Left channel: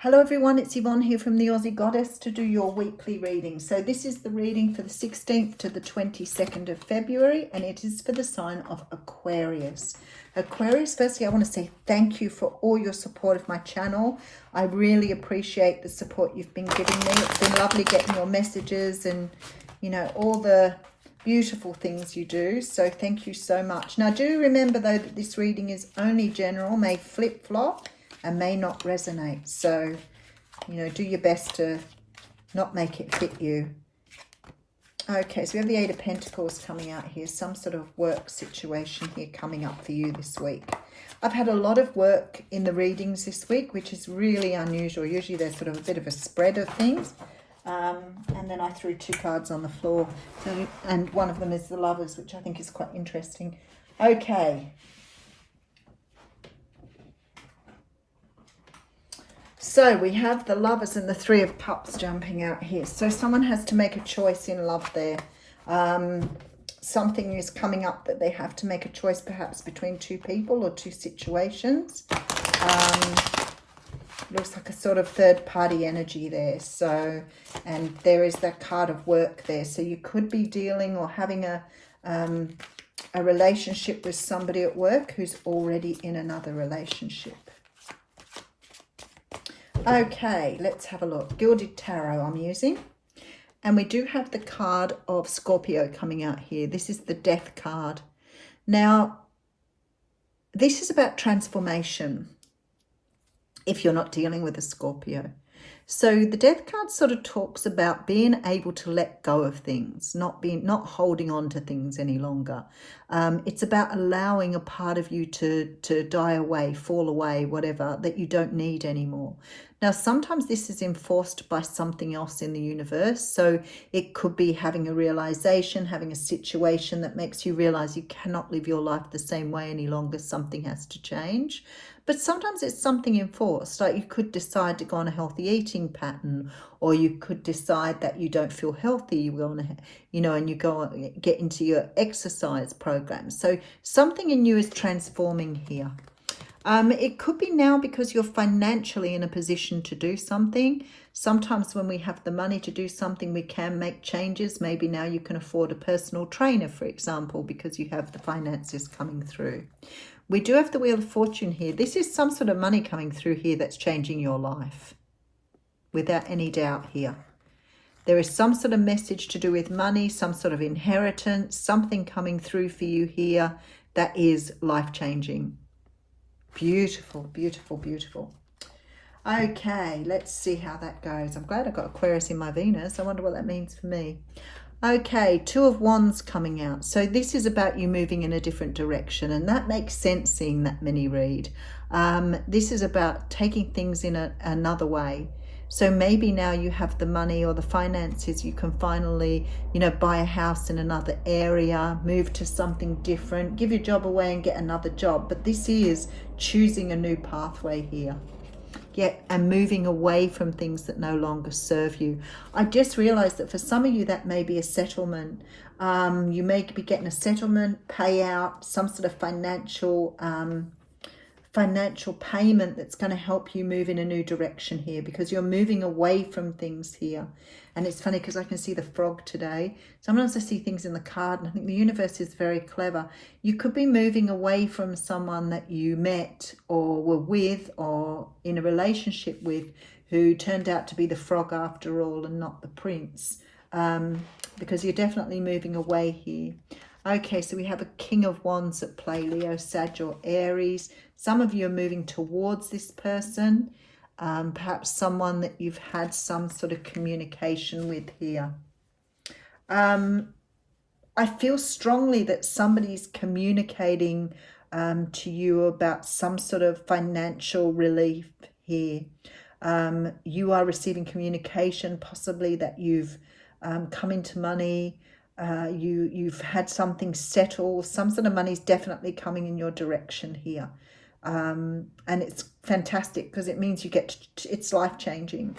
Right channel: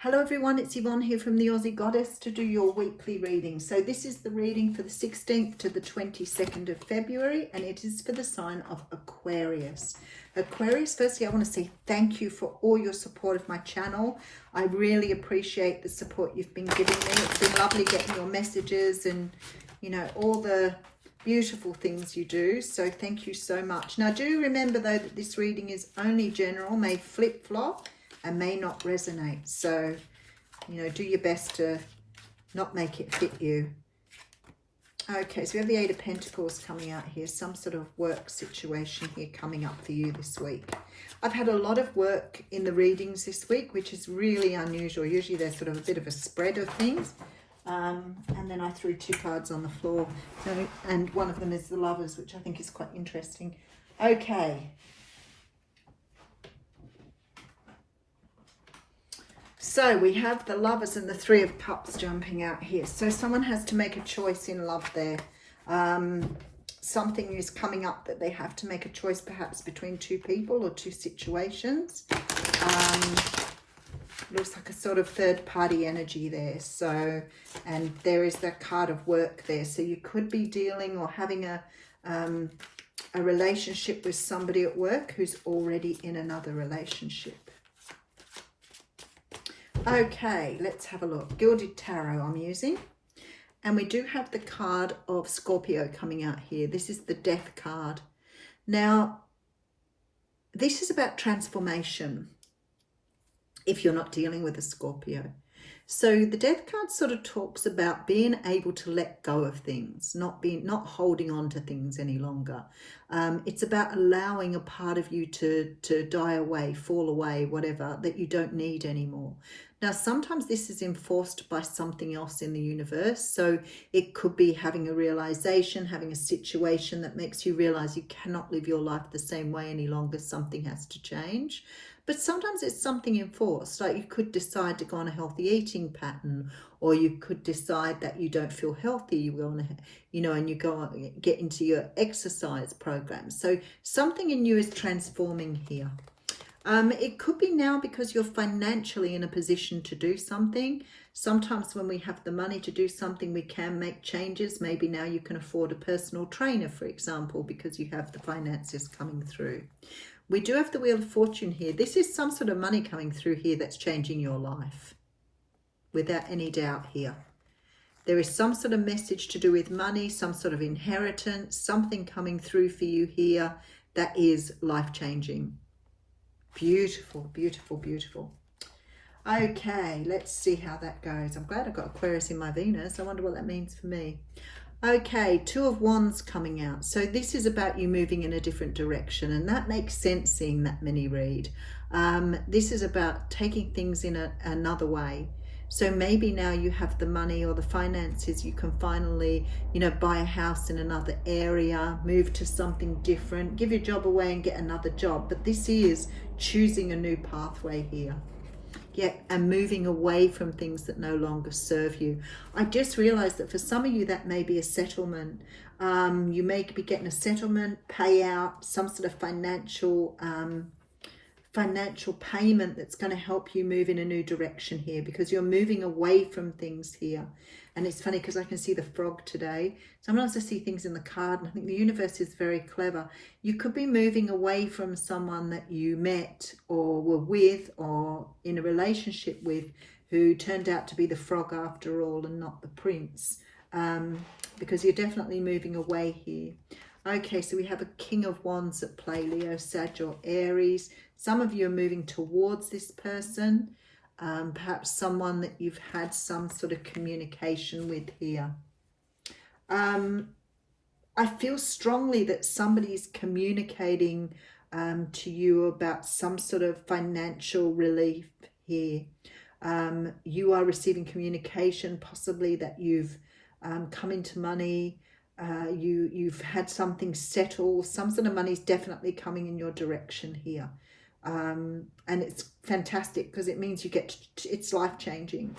Hello everyone, it's Yvonne here from the Aussie Goddess to do your weekly reading. So this is the reading for the 16th to the 22nd of February, and it is for the sign of Aquarius. Aquarius, firstly I want to say thank you for all your support of my channel. I really appreciate the support you've been giving me. It's been lovely getting your messages and, you know, all the beautiful things you do. So thank you so much. Now do remember though that this reading is only general, may flip-flop and may not resonate. So, you know, do your best to not make it fit you. Okay, so we have the Eight of Pentacles coming out here. Some sort of work situation here coming up for you this week. I've had a lot of work in the readings this week, which is really unusual. Usually there's sort of a bit of a spread of things. And then I threw two cards on the floor. And one of them is the Lovers, which I think is quite interesting. Okay. So we have the Lovers and the Three of Cups jumping out here. So someone has to make a choice in love there. Something is coming up that they have to make a choice perhaps between two people or two situations. Looks like a sort of third party energy there. So, and there is that card of work there. So you could be dealing or having a relationship with somebody at work who's already in another relationship. Okay, let's have a look. Gilded Tarot I'm using. And we do have the card of Scorpio coming out here. This is the Death card. Now, this is about transformation if you're not dealing with a Scorpio. So the Death card sort of talks about being able to let go of things, not holding on to things any longer. It's about allowing a part of you to die away, fall away, whatever, that you don't need anymore. Now, sometimes this is enforced by something else in the universe. So it could be having a realization, having a situation that makes you realize you cannot live your life the same way any longer. Something has to change. But sometimes it's something enforced, like you could decide to go on a healthy eating pattern, or you could decide that you don't feel healthy, you go on and you go on, get into your exercise program. So something in you is transforming here. It could be now because you're financially in a position to do something. Sometimes when we have the money to do something, we can make changes. Maybe now you can afford a personal trainer, for example, because you have the finances coming through. We do have the Wheel of Fortune here. This is some sort of money coming through here that's changing your life, without any doubt here. There is some sort of message to do with money, some sort of inheritance, something coming through for you here that is life-changing. Beautiful, beautiful, beautiful. Okay, let's see how that goes. I'm glad I got Aquarius in my Venus. I wonder what that means for me. Okay, Two of Wands coming out. So this is about you moving in a different direction, and that makes sense seeing that mini read. This is about taking things in another way. So maybe now you have the money or the finances, you can finally, buy a house in another area, move to something different, give your job away and get another job. But this is choosing a new pathway here. Yeah, and moving away from things that no longer serve you. I just realized that for some of you that may be a settlement. You may be getting a settlement, payout, some sort of financial payment that's going to help you move in a new direction here, because you're moving away from things here. And it's funny because I can see the frog today. Sometimes I see things in the card, and I think the universe is very clever. You could be moving away from someone that you met or were with or in a relationship with, who turned out to be the frog after all and not the prince, because you're definitely moving away here. Okay, so we have a King of Wands at play, Leo, Sag or Aries. Some of you are moving towards this person, perhaps someone that you've had some sort of communication with here. I feel strongly that somebody's communicating to you about some sort of financial relief here. You are receiving communication, possibly that you've come into money. You've had something settle. Some sort of money is definitely coming in your direction here. And it's fantastic because it means it's life-changing.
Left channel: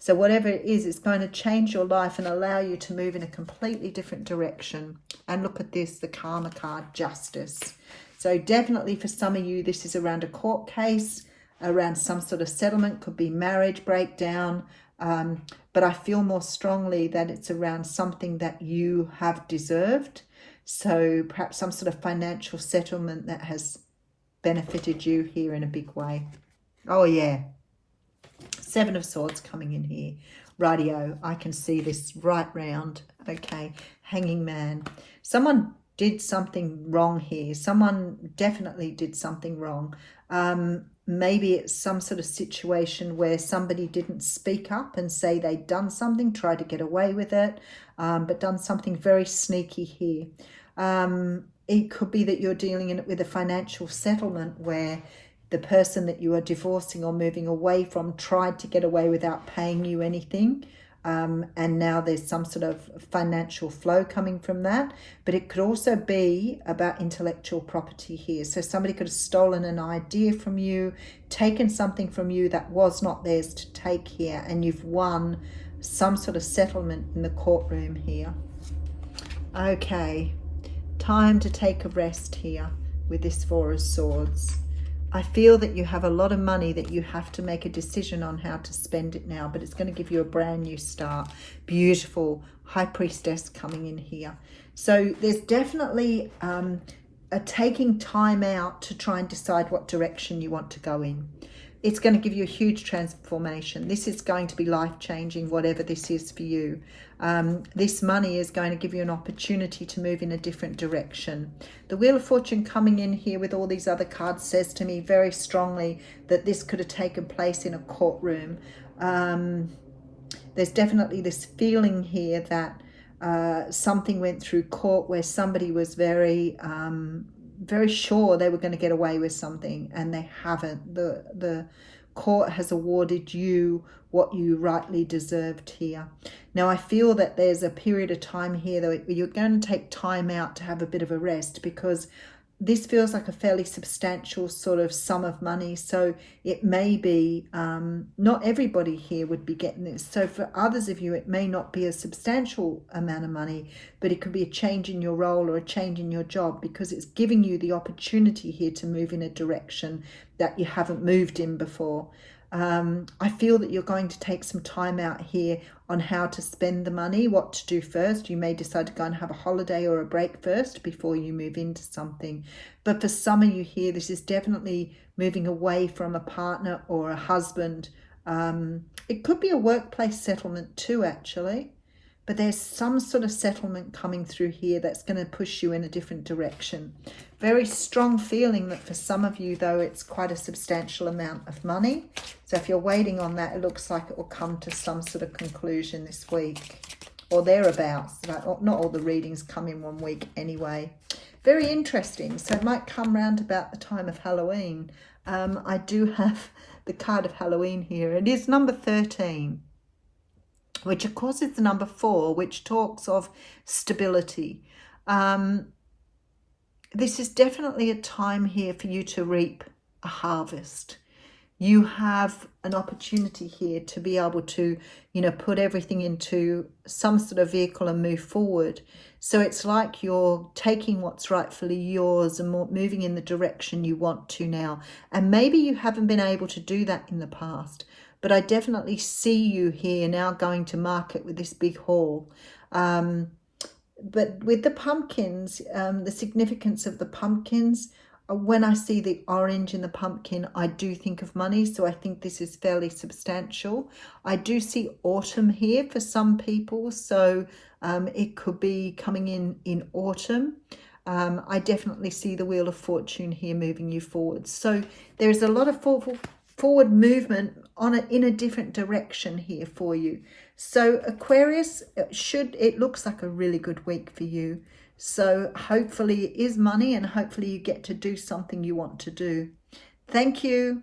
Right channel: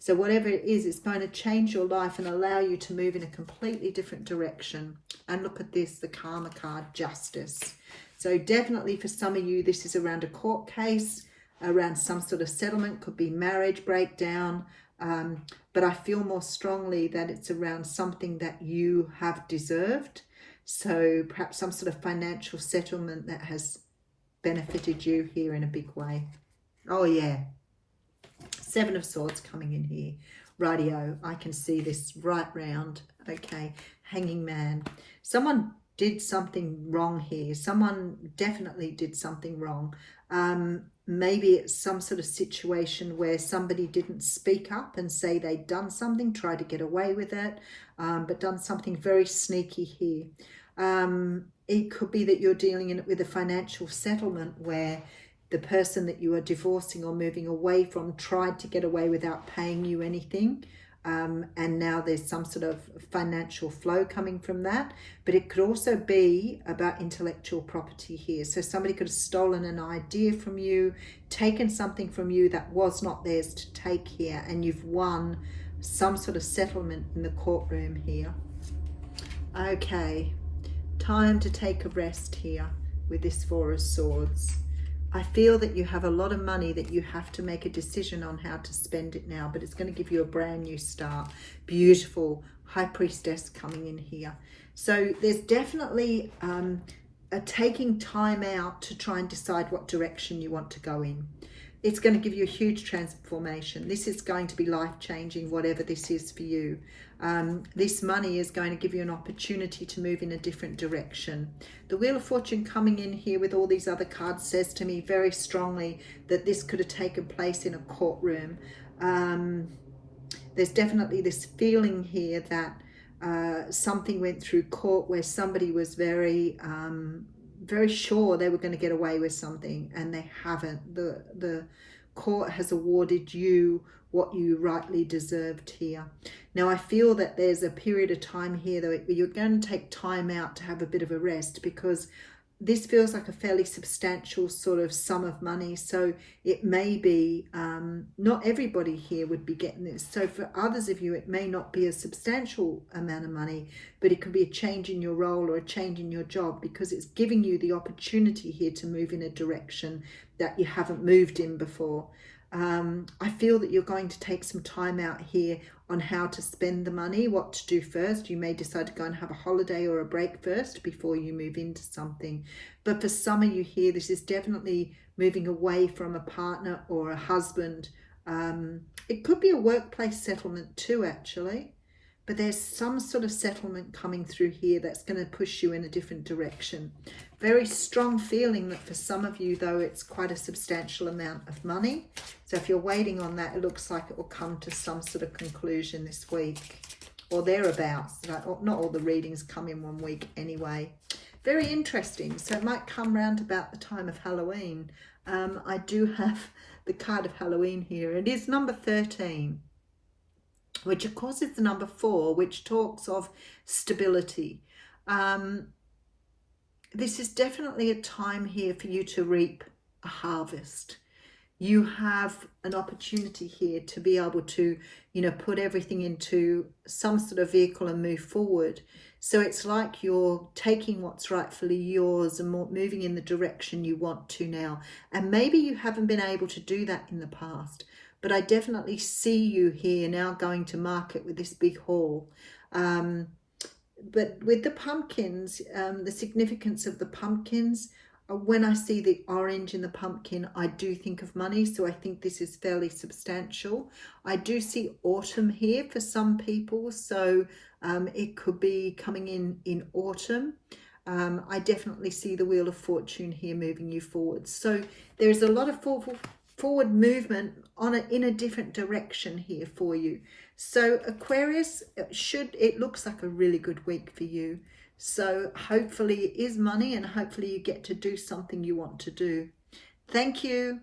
So whatever it is, it's going to change your life and allow you to move in a completely different direction. And look at this, the Karma card, Justice. So definitely for some of you, this is around a court case. around some sort of settlement, could be marriage breakdown, but I feel more strongly that it's around something that you have deserved. So perhaps some sort of financial settlement that has benefited you here in a big way. Oh yeah, Seven of Swords coming in here. Rightio, I can see this right round. Okay, Hanging Man. Someone did something wrong here. Someone definitely did something wrong. Maybe it's some sort of situation where somebody didn't speak up and say they'd done something, tried to get away with it, but done something very sneaky here. It could be that you're dealing with a financial settlement where the person that you are divorcing or moving away from tried to get away without paying you anything. And now there's some sort of financial flow coming from that. But it could also be about intellectual property here. So somebody could have stolen an idea from you, taken something from you that was not theirs to take here, and you've won some sort of settlement in the courtroom here. Okay, time to take a rest here with this Four of Swords. I feel that you have a lot of money that you have to make a decision on how to spend it now, but it's going to give you a brand new start. Beautiful High Priestess coming in here. So there's definitely a taking time out to try and decide what direction you want to go in. It's going to give you a huge transformation. This is going to be life-changing, whatever this is for you. This money is going to give you an opportunity to move in a different direction. The Wheel of Fortune coming in here with all these other cards says to me very strongly that this could have taken place in a courtroom. There's definitely this feeling here that something went through court where somebody was very sure they were going to get away with something, and they haven't. The court has awarded you what you rightly deserved here. Now, I feel that there's a period of time here though where you're going to take time out to have a bit of a rest, because this feels like a fairly substantial sort of sum of money. So it may be, not everybody here would be getting this. So for others of you, it may not be a substantial amount of money, but it could be a change in your role or a change in your job, because it's giving you the opportunity here to move in a direction that you haven't moved in before. I feel that you're going to take some time out here on how to spend the money, what to do first. You may decide to go and have a holiday or a break first before you move into something. But for some of you here, this is definitely moving away from a partner or a husband. It could be a workplace settlement too, actually. But there's some sort of settlement coming through here that's going to push you in a different direction. Very strong feeling that for some of you, though, it's quite a substantial amount of money. So if you're waiting on that, it looks like it will come to some sort of conclusion this week or thereabouts. Not all the readings come in 1 week anyway. Very interesting. So it might come round about the time of Halloween. I do have the card of Halloween here. It is number 13. Which of course is the number 4, which talks of stability. This is definitely a time here for you to reap a harvest. You have an opportunity here to be able to, put everything into some sort of vehicle and move forward. So it's like you're taking what's rightfully yours and moving in the direction you want to now. And maybe you haven't been able to do that in the past. But I definitely see you here now going to market with this big haul. But with the pumpkins, the significance of the pumpkins, when I see the orange in the pumpkin, I do think of money. So I think this is fairly substantial. I do see autumn here for some people. So it could be coming in autumn. I definitely see the Wheel of Fortune here moving you forward. So there's a lot of forward movement in a different direction here for you. So Aquarius, it looks like a really good week for you. So hopefully it is money, and hopefully you get to do something you want to do. Thank you.